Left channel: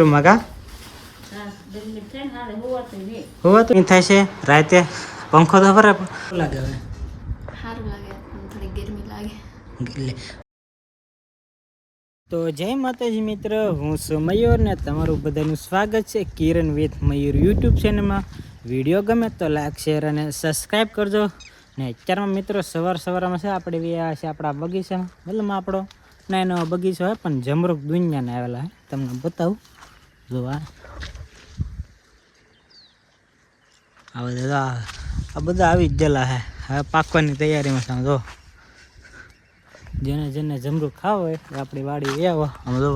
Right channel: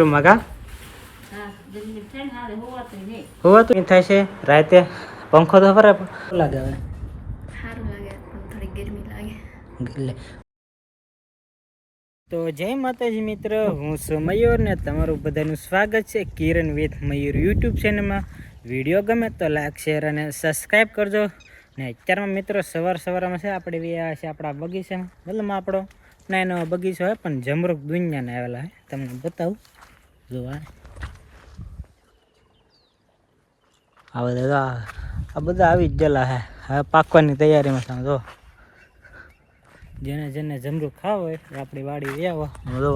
રૂમમાં કા હોવા તો થાય છે રાતે પંખો તો ફરે લાગે હવે સારું લાગે પણ થોડી ગરમી લાગે. તો જય માતાજી મિત્ર, હું છું મયુર ને તમારું બધાનું સ્વાગત છે કિરણ વિથ મયુર યુટ્યુબ ચેનલમાં. વિડીયો ગમે તો લાઈક શેર અને સબસ્ક્રાઈબ કરજો. ને અત્યારમાં મિત્રો સવારમાં છે આપણે વ્યા છે આપણા બગીચામાં, મતલબ આપણો નાનો બગીચો હોય પણ જમરૂખ દુનિયાને આવેલા હે, તમને બતાવું જો આ બધા આવી જ ગયેલા હે, હવે પાકવાની તૈયારીમાં છે. જો જેને જમરૂખ ખાવ હોય એ આપણી વાડી આવો આમ જો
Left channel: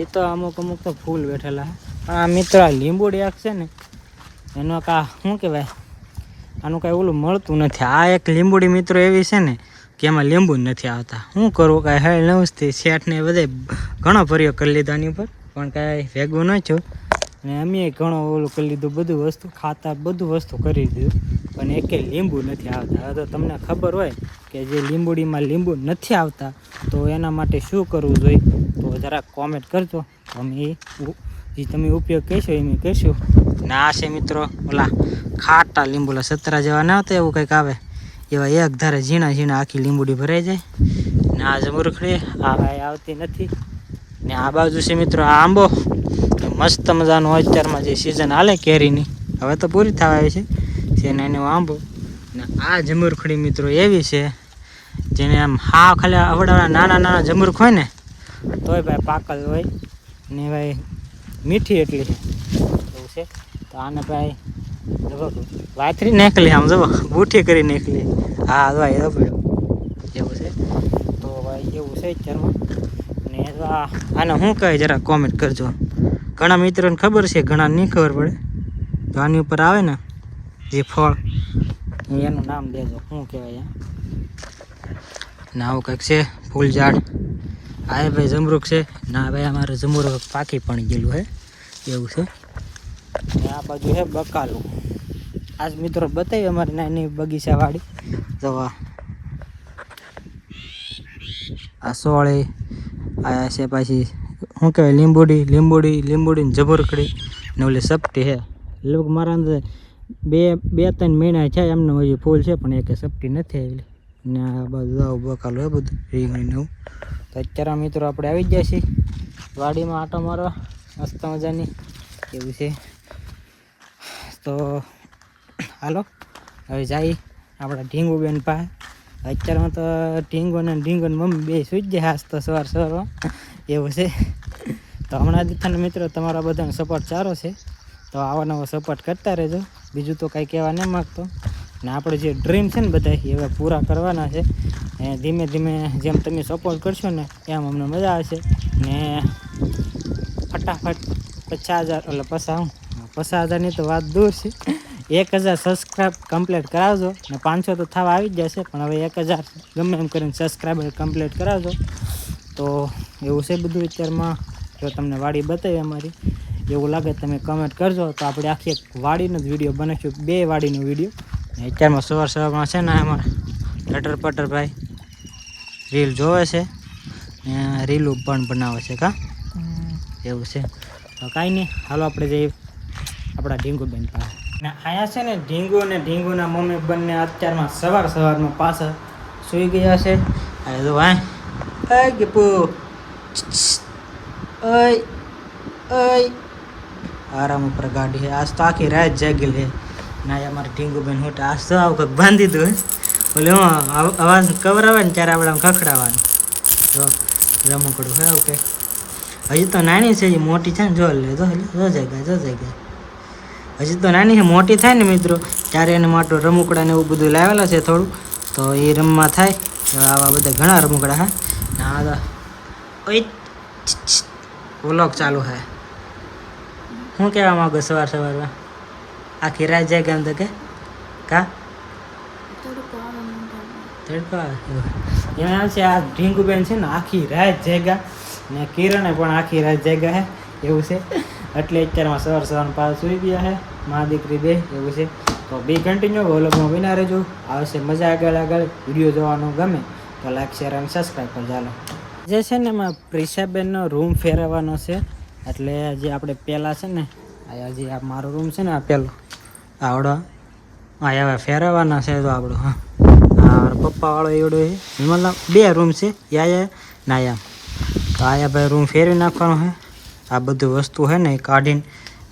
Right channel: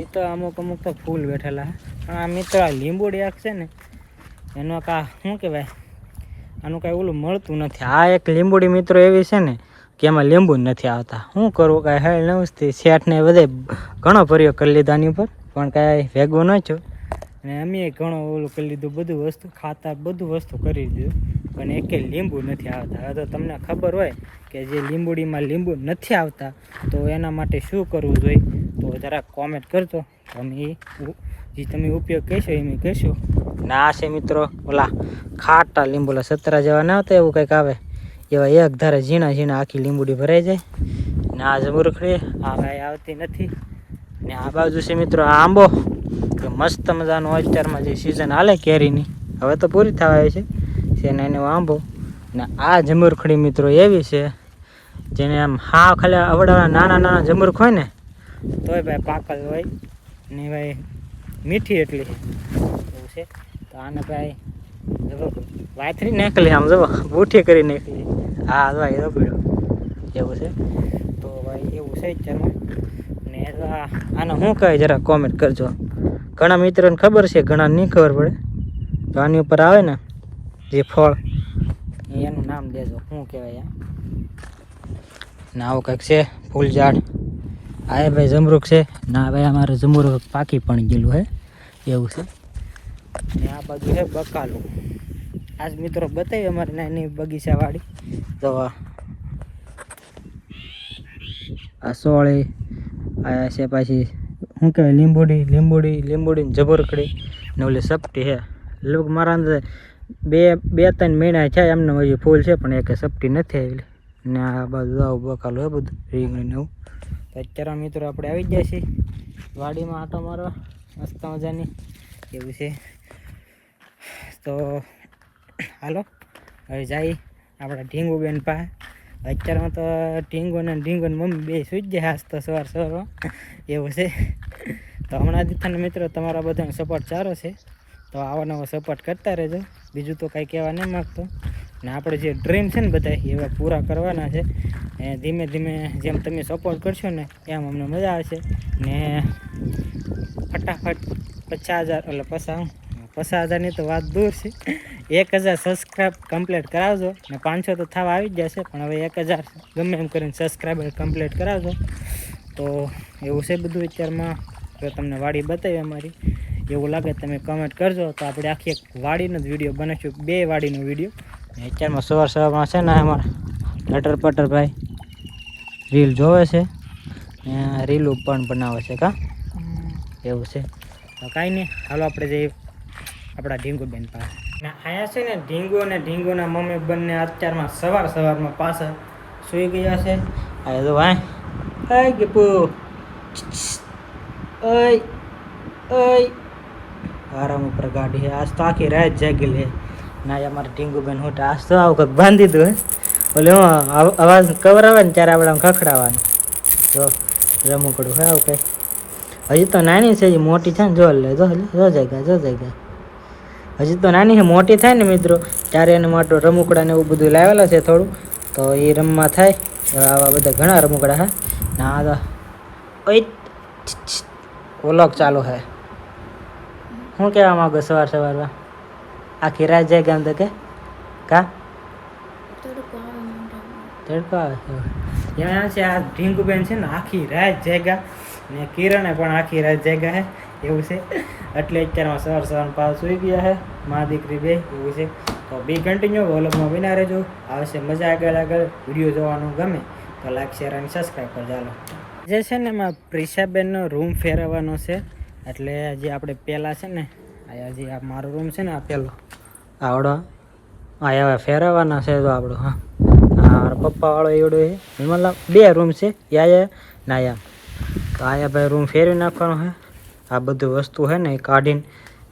એ તો અમુક તો ફૂલ બેઠેલા હે. પણ આ મિત્રો લીંબુડી આખ છે ને એનો શું કહેવાય, આનું કાંઈ ઓલું મળતું નથી. આ એક લીંબુડી મિત્રો એવી છે ને કે એમાં લીંબુ નથી આવતા. શું કરવું, કાંઈ હેળ નવસથી શેઠને બધે ઘણો પ્રયોગ કરી લીધો આની ઉપર પણ કાંઈ ભેગું ન થયું. અને અમે ઘણો ઓલું કરી લીધું, બધું વસ્તુ ખાતા બધું વસ્તુ કરી દીધું પણ એકે લીંબુ નથી આવતા. હવે તો તમને ખબર હોય કે જે લીંબુડીમાં લીંબુ નથી આવતા તો એના માટે શું કરવું જોઈએ તો જરાક કોમેન્ટ કરજો. અમે જે તમે ઉપયોગ કહેશો એ મેં કહીશું. ને આ છે મિત્રો ઓલા ખાટા લીંબુલા સતરા જેવા ના આવતા એવું કંઈક આવે એવા એક ધારે ઝીણા આખી લીંબુડી ભરાઈ જાય. ને આ જમરૂખડી આ કાંઈ આવતી નથી. ને આ બાજુ છે મિત્રો આ આંબો, મસ્ત મજાનો અત્યારમાં જે સિઝન હાલે કેરીની હવે તો પૂરી થવા આવી છે એનો આંબો. ને આ જમરૂખડી મિત્રો એવી છે જેને આમ હા ખાલી અવડાવડા નાના જમરૂખ હોય ને તોય ભાઈ પાકલ હોય ને ભાઈ મીઠી એટલી એવું છે. તો આને ભાઈ વાતરી નીકળી આમ જવો બૂઠી કરી નીકળી. હા ભાઈ એ પીડો એવું છે. તો ભાઈ એવું છે અત્યારમાં. ને આને શું કહે જરા કોમેન્ટ કરજો. ઘણા મિત્રોને ખબર છે, ઘણા નહીં ખબર પડે. તો આની ઉપર આવે ને જે ફળ એનું નામ દેજો શું કહેવાય. ને આવું કંઈક છે ફૂલ ઝાડ. આ ભાઈ જમરૂખ છે ના ભાઈ, અમારે જમરૂખ પાકી પણ ગયેલું હે એવું છે. ને આ બાજુ છે બકાલું. આજ મિત્રો બતાવી અમારે નાની બગીચા વાળી. તો આ સોળી આયા છે, પાછી શું કહેવાય લીંબુડી ને જમરૂખડી ને ઓલી સપટી છે. લોક મારા અંદર બે ત્રણ મહિના છે એમને હજી ફૂલ છે પણ એક સપટી નથી આવેલી. ને આ બાજુ આવું બકાલું હે બધું રીંગણી એવું. તો અત્યારે મિત્રો આપણે આવી જ જાય છીએ વાડીમાં આંટો મારવા મસ્ત મજાની એવું છે. તો હાલો હવે જાય આપણા ઢીંગુબેન પાસે. અત્યારમાં તો ઢીંગોને મમ્મી બે સુઈ જ જાય હાસ તો સવારમાં એવું છે. તો હમણાં દીઠાને મિત્રો તમારા બધાનો સપોર્ટ સારો છે તો આવો નવો સપોર્ટ કરતા રહેજો. બીજું તો કાંઈ કહેવા નહીં માગતો. ને આપણે જે ડ્રીમ છે ને બધા એ હવે પૂરા કરવાના છે. ને ધીમે ધીમે જેમ તમે સપોર્ટ કરશો ને એમ અમને મજા આવશે. ને ફટાફટ 50,000 એટલે 50,000ની તો વાત દૂર છે, 1,000 સબસ્ક્રાઈબ કમ્પ્લીટ કરાવજો. ને 500 તો થવા આવી જ જશે પણ હવે 1,000 ગમે એમ કરીને સબસ્ક્રાઈબર કમ્પ્લીટ કરાવજો. તો એવું છે બધું અત્યારમાં. જો તમને વાડી બતાવી અમારી એવું લાગે તમે કમેન્ટ કરજો તો આપણે આખી એક વાડીનો જ વિડીયો બનાવીશું, 2 વાડીનો વિડીયો. અત્યારમાં સવારમાં છે ને અમારા લટર પટર ભાઈ રીલ જોવે છે ને રીલું પણ બનાવે છે કા એવું છે. તો કાંઈ નહીં હાલો આપણે જઈએ આપણા ઢીંગુબેન પાસે. ને અહીંયા છે ને ઢીંગુ અને ઢીંગુના મમ્મી બંને અત્યારમાં સવારમાં પાછા સૂઈ ગયા છે. આ જો ભાઈ ગીપુ આરામ ઉપર ગાડી છે. આજ તો આખી રાત જાગેલ છે. ના અમારે ઢીંગુબેન હોટા આજ તો આવું કંઈક બાંધી દીધું હે ઓલે હું અવાજ કવર આવે ને ત્યારે આપણે આમ ખખડાવવાનું. જો રમકડું હે આવું કંઈક. હજી તો નાની છે, મોટી છે ને જો જાય હજી તો નાની છે. મોટી થાય ને મિત્રો ત્યારે એને માટે રમકડા ને એવું બધું લાવેલા છે થોડું, તો એ રમવા થાય. આવા બધા ઘણા રમકડા હે. ના વ્લોગ ચાલુ હે. શું કહેવા માંગો સવારમાં આખી રાત જાય કેમ તો કે કા તડકો આવે એમાં છે. આ ઢીંગુબેન છે ને આખી રાત જાગ્યા ને કિરણે પણ આખી રાત જાગ્યા હે એવું છે. એટલે અત્યારમાં સવારમાં પાછા સૂઈ ગયા હે મા દીકરી બે એવું છે. તો બી કન્ટિન્યુ વ્લોગમાં બના રહેજો. આવશે મજા આગળ વિડીયો જોવાનું ગમે તો લાઈક શેર અને સબસ્ક્રાઈબ કરજો. ચાલો. જે છે ને એમાં પ્રિશાબેનનો રૂમ ફેરવવાનો છે, એટલે હજી આપણે પહેલાં છે ને હજી આ મારો રૂમ છે ને આ પહેલો આવડો હા હવે ફેરવવાના છે તો આપણો હા હા પપ્પાવાળો એવડો છે મતલબ 2 રૂમ છે યા નાયા તો આયા ભાઈ રૂમ ફેરવી નાખવાનો છે. આ બધું વસ્તુ છે ને એ કાઢીને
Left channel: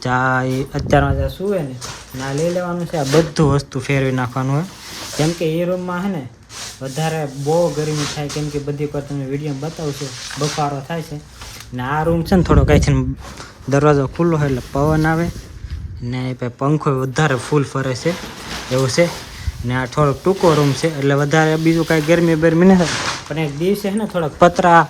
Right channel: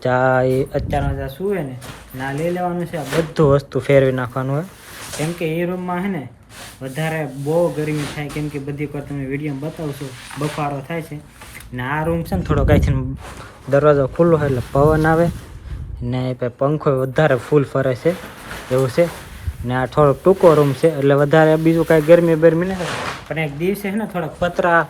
જ્યાં એ અત્યારમાં જ્યાં સૂવે ને ના લઈ લેવાનું છે. આ બધું વસ્તુ ફેરવી નાખવાનું હોય કેમ કે એ રૂમમાં છે ને વધારે બહુ ગરમી થાય કેમ કે બધી પર તમે વિડીયોમાં બતાવશો બફારો થાય છે ને આ રૂમ છે ને થોડો કાંઈ છે ને દરવાજો ખુલ્લો હોય એટલે પવન આવે ને પંખો વધારે ફૂલ ફરે છે એવું છે ને આ થોડોક ટૂંકો રૂમ છે એટલે વધારે બીજું કાંઈ ગરમી બરમી નહીં થાય પણ એક દિવસે છે ને થોડોક પતરા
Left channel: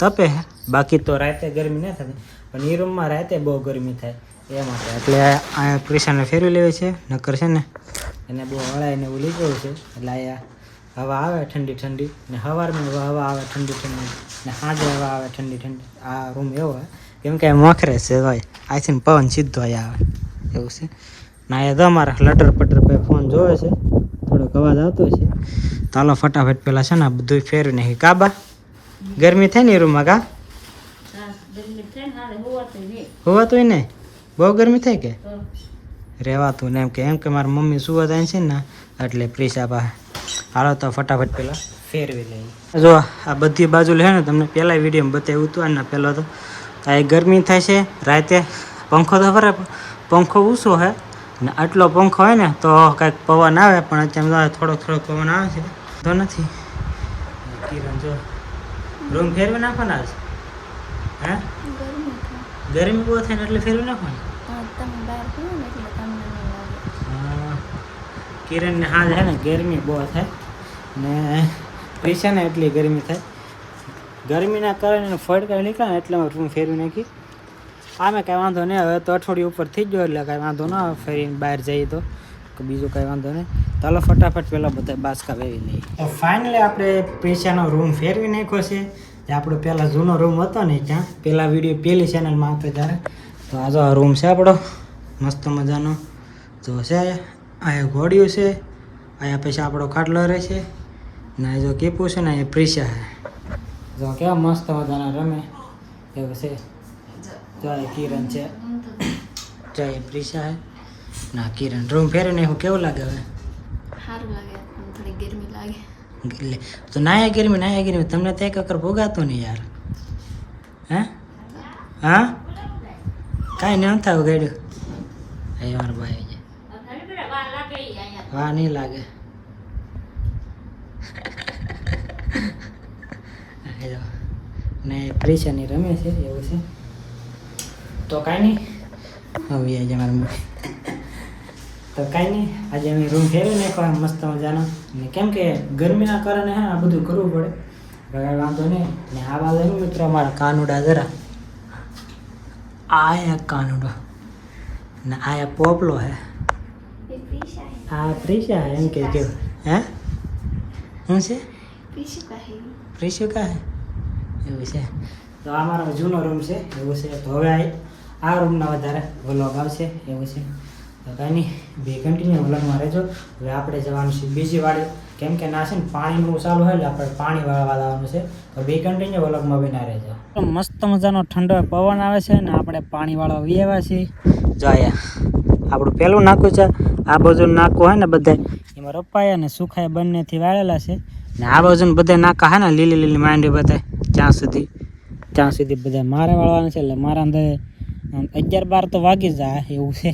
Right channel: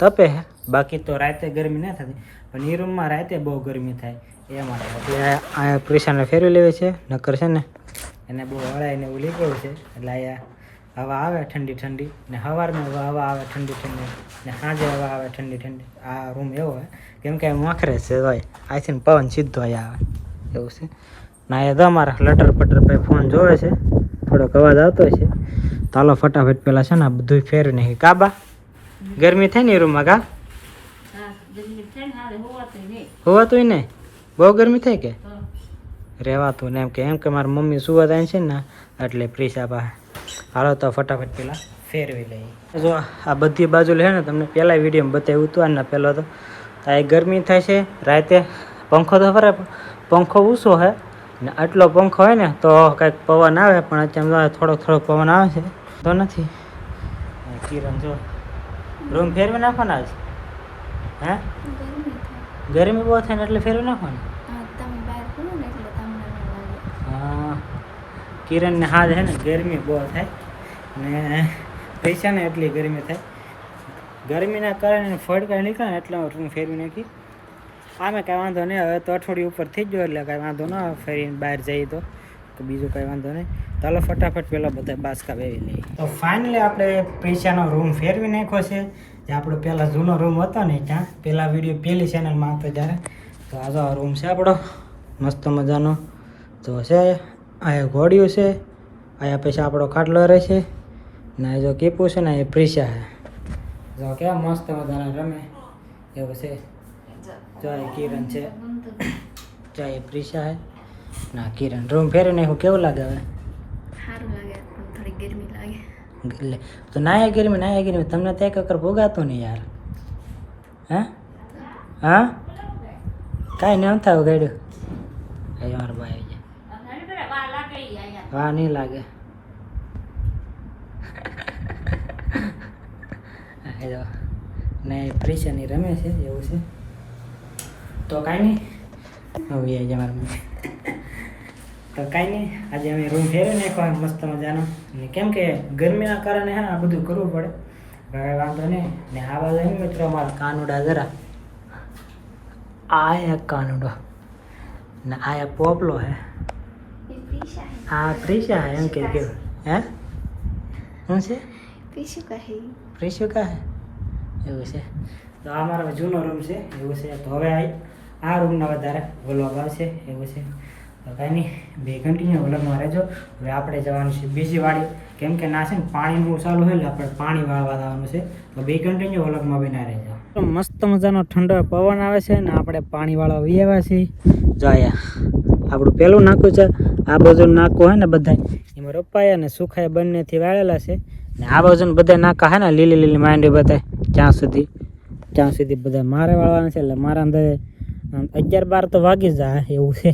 તપે છે બાકી તો રાતે ગરમી નહીં થતી પણ એ રૂમમાં રાતે બહુ ગરમી થાય એ માટે એટલે આ પ્રેશાને ફેરવી લેવી છે નકર છે ને એને બહુ હળાઈને એવું લીધું છે એટલે અહીંયા હવા આવે ઠંડી ઠંડી ને સવારમાં હવા આવે ઠંડી ઠંડી ને સાંજે હવા આવે ઠંડી ઠંડી. આ રૂમ એવો હોય કેમ કે મોખરે છે ભાઈ આથી પવન સીધો અહીંયા આવે એવું છે ને અહીંયા તો અમારા લટર પટર ભાઈ ફોન જોવે છે થોડોક અવાજ આવતો છે તો હાલો ફટાફટ પેલા છે ને આ બધું ફેરવી નાખી. કાબા ગરમી થાય ને એ રૂમમાં કા હોવાતું નહીં બહુ ગરમી થાય કે રહેવાતું ને એમ કે મારી મમ્મી સુવા થાય છે ને એટલે પ્રીસા પાસે હાલો તો ફટાફટ પેલા ફેરવી લઈએ. જો આ બધી બાજુ લે ને તમને પહેલાં વિડીયોમાં બતાવ્યું હતું અને પહેલાં તો આ ગરમી થાય છે રાતે પંખો તો ફરે પંખો ઊંચો હોય ને આટલો પંખો હોય ને તો કાંઈક પવન આવે પણ અત્યારે થોડોક પવન આવે છે તો નથી. કિરણ જો રૂમ ફેરવી નાખવાના જ હા ગરમી બહુ થાય ને એટલે ફેરવી નાખવાની. હા કિરણને હાલ છે ને ગરમી બહુ થાય ને પૈસા ને એટલી ગરમી થાય ગરમીના કારણે ફડકા નીકળે ને એટલે રૂમ ફેરવી નાખી. આમે કાંઈ વાંધો નહીં હવે તો અઠવાડિયું ઉપર થઈ ગયો એટલે કાંઈ વાંધો ન આવે ફેરીને બહાર જઈએ તો બીજું કાંઈ વાંધો નહીં. ચાલો ફટાફટ પહેલાં બધા બાસકા વેવી લઈએ. તો ફાઇનલી આપણે પૈસાનો રૂમ ફેરવી નાખ્યો છે જે આપણો પહેલાં જૂનો રૂમ હતો ને ત્યાં પહેલાં વિડીયો પહેલી ચેનલમાં આવતો ત્યારે તો આ જો રૂમ છે આપણો મસ્ત મજાનો તો છે અહીંયા ઘોડિયું છે અહીંયા પછી આપણો ખાટલો રહે છે ને જો કીપું છે ને એ પ્રીસા છે જો કેવા મસ્ત મજાના રમે એવું છે. જો એ કિરણ છે જો એ પ્રીસા છે ના કિરણ રૂમ ફેરવીને હું કેવું લાગે હવે સારું લાગે પણ થોડી ગરમી લાગે એટલે તો નાયા ગરમી તમને તો એક વખત ભોગાતું નહીં યાર હા હા કાંઈ નહીં થાય ગાડ્યું અહીં મારા ભાઈ વાહ નહીં લાગે ને પ્રીશાની રમે છે એવું છે તો કાંઈ નહીં હવે આજે મારા તો કાંઈ નહીં આજે અમે રૂમ ફેરવી નાખવા મસ્ત મજાનો ને કેમ કે ગરમીના કારણે હા આ બધું કરવું પડે કાંઈ વાંધો નહીં. ને આ બાજુ મિત્રો અમારા કાનુડા જરા આ એક કાનુડો ને આ એક પોપલો હે આ પ્રીશા એમ કે કેવું હે શું છે પ્રીશુ કા હે એવું છે. તો આ મારો જૂનો રૂમ છે એવું છે. તો હવે આ રૂમના વધારે વ્લોગ આવશે એવું છે. તો કાંઈ નહીં બે કન્ટિન્યુ વ્લોગમાં રહેજો. હવે આપણે જવાનું છે બીજી વાડી કેમ કે ના છે ને પાણીનું ચાલુ હોય એટલે આપણે પાણી વાળવા જવાનું છે તો બે કન્ટિન્યુ વ્લોગમાં બના રહેજો. મસ્ત મજાનો ઠંડો પવન આવે છે ને આપણે પાણી વાળવા વી આવ્યા છીએ. જો આપણું પહેલું નાકું છે આ બાજુનું નાકું હોય ને બધા એમાં રોપાયા ને સુખાય બંનેથી વાળેલા છે ને આ બાજુનું બધા નાકા હે ને લીલી માંડી બધા ત્યાં સુધી બધા મારે વાળવાના છે એટલે મારા અંદર 11-12 તો વાગી જાય એવું છે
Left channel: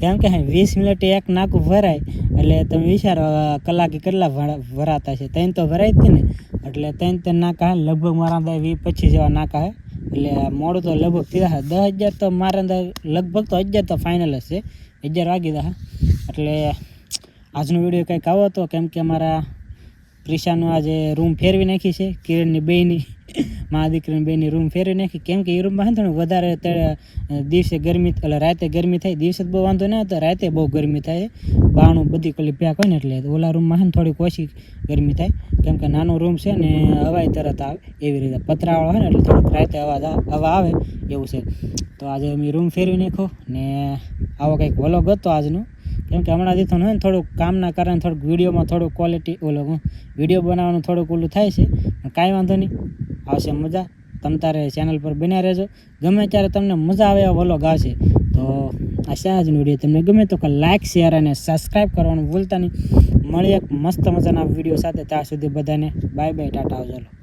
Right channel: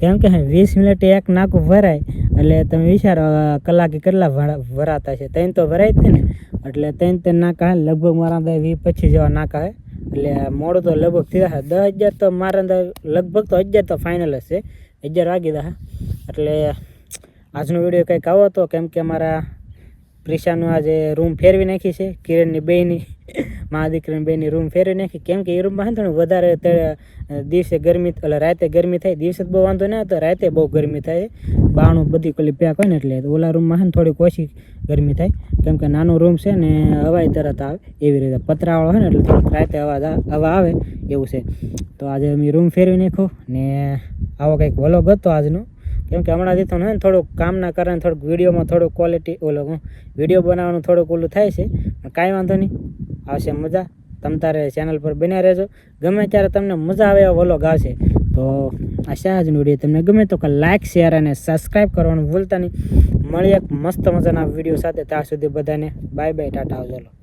કેમ કે 20 મિનિટે એક નાકું ભરાય એટલે તમે વિચારો કલાકે કેટલા ભરાતા છે 3 તો ભરાય જ ને એટલે 3 નાકા હે લગભગ મારા અંદર 20-25 જેવા નાકા હે એટલે મોડું તો લગભગ થયા 10,000 તો મારા અંદર લગભગ તો 11 તો ફાઇનલ જ છે 11 વાગી દા એટલે આજનો વિડીયો કંઈક આવો હતો કેમ કે અમારા પ્રિશાનું આજે રૂમ ફેરવી નાખી છે કિરણની બેયની મારા દીકરીની બેયની રૂમ ફેરવી નાખી કેમ કે એ રૂમમાં છે ને થોડું વધારે દિવસે ગરમી એટલે રાતે ગરમી થાય દિવસે બહુ વાંધો નહીં આવતો રાતે બહુ ગરમી થાય બાણું બધી પેલી પેક હોય ને એટલે ઓલા રૂમમાં છે ને થોડીક ઓછી ગરમી થાય કેમ કે નાનો રૂમ છે ને હવાઈ તરત આવે એવી રીતે પતરાવાળો હોય ને એટલે થોડુંક રાતે હવા આવે એવું છે. તો આજે અમે રૂમ ફેરવી નાખ્યો ને આવો કંઈક વ્લોગ હતો આજનો કેમ કે હમણાં દીધો ને થોડુંક કામના કારણે થોડુંક વિડીયોમાં થોડુંક ક્વોલિટી વિડીયો બનાવવાનું થોડુંક ઓલું થાય છે પણ કાંઈ વાંધો નહીં આવશે મજા. તમ તારે ચેનલ પર બન્યા રહેજો. ગમે ત્યારે તમને મજા આવે એવા વ્લોગ આવશે. તો આ આજનો વિડીયો તમને ગમે તો લાઇક શેર અને સબસ્ક્રાઈબ કરવાનું ભૂલતા નહીં. મળી એક મસ્ત મજાના વિડીયો સાથે. ત્યાં સુધી બધાને બાય બાય, ટાટા, આવજો.